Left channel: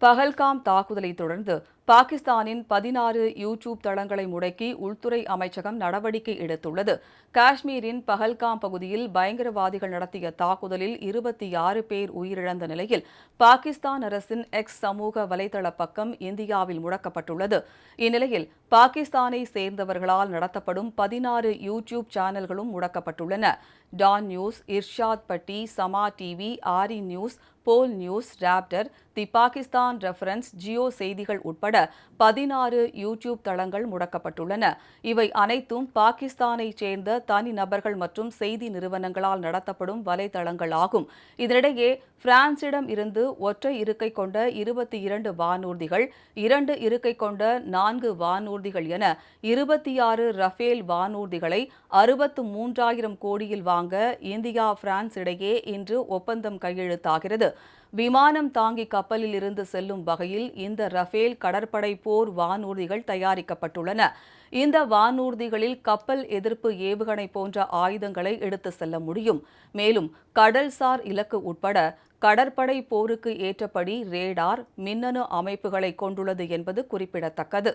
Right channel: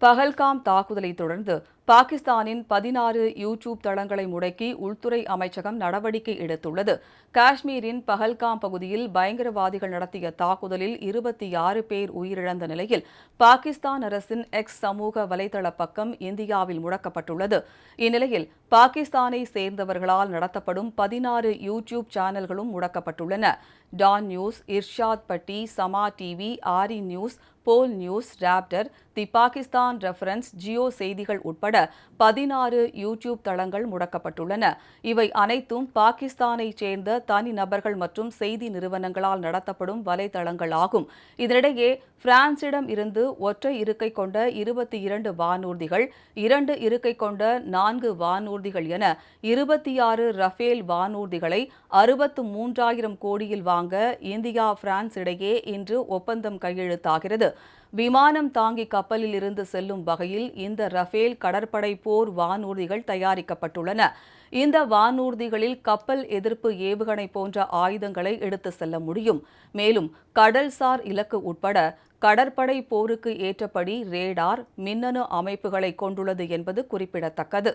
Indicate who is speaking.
Speaker 1: பகல்காம் தாக்குதலை தொடர்ந்து பாகிஸ்தானின் பதினாறு யூடியூப் தளங்களை முடக்கி உள்துறை அமைச்சகம் நடவடிக்கை எடுத்துள்ளது. காஷ்மீரின் பஹல்காம் பகுதியில் பயங்கரவாதிகள் நடத்திய தாக்குதலில் இருபத்தி ஆறு பேர் உயிரிழந்த நிலையில் பாகிஸ்தான் அரசின் எக்ஸ் சமூக வலைதள பக்கம் இந்தியாவில் முடக்கப்பட்டுள்ளது. இந்நிலையில் பாகிஸ்தானை சேர்ந்தவர்களால் நடத்தப்படும் பதினாறு யூடியூப் சேனல்களும் முடக்கப்பட்டுள்ளன. Dawn News Irshad Bhatti Samaa TV ARY News Bol News Raftar the Pakistan reference Geo செய்திகள் உட்பட பதினாறு யூடியூப் தளங்கள் முடக்கப்பட்டுள்ளன. இவை அனைத்தும் பாகிஸ்தானைச் சேர்ந்த தனி நபர்கள் மற்றும் செய்தி நிறுவனங்களால் நடத்தப்படும் வலைதளங்கள் ஆகும். இதனிடையே பிரான்சிடம் இருந்து ஒற்றை இருக்கை கொண்ட இருபத்தி இரண்டு வானூர்திகள் இரண்டு இருக்கை கொண்ட நான்கு வானூர்திகள் என இருபத்தி ஆறு ரஃபேல் வானூர்திகளை அறுபத்து மூன்றாயிரம் கோடியில் வாங்க இந்தியா பிரான்ஸ் இடையே இன்று ஒப்பந்தம் கையெழுத்தாகிறது. விமானம் தாங்கி கப்பலில் இருந்து செல்லும் வகையில் இந்த ரஃபேல் கடற்படை போர் வானூர்திகள் தயாரிக்கப்பட்டுள்ளன. இந்த வானூர்திகளில் கப்பல் எதிர்ப்பு ஏவுகணை போன்ற ஆயுதங்களை எடுத்து செல்ல முடியும். மேலும் கடல்சார் இலக்கு உட்பட கடற்படை போருக்கு ஏற்றபடி ரேடார் மின்னணு அமைப்புகளை கொண்டுள்ளது என்பது குறிப்பிடத்தக்கது.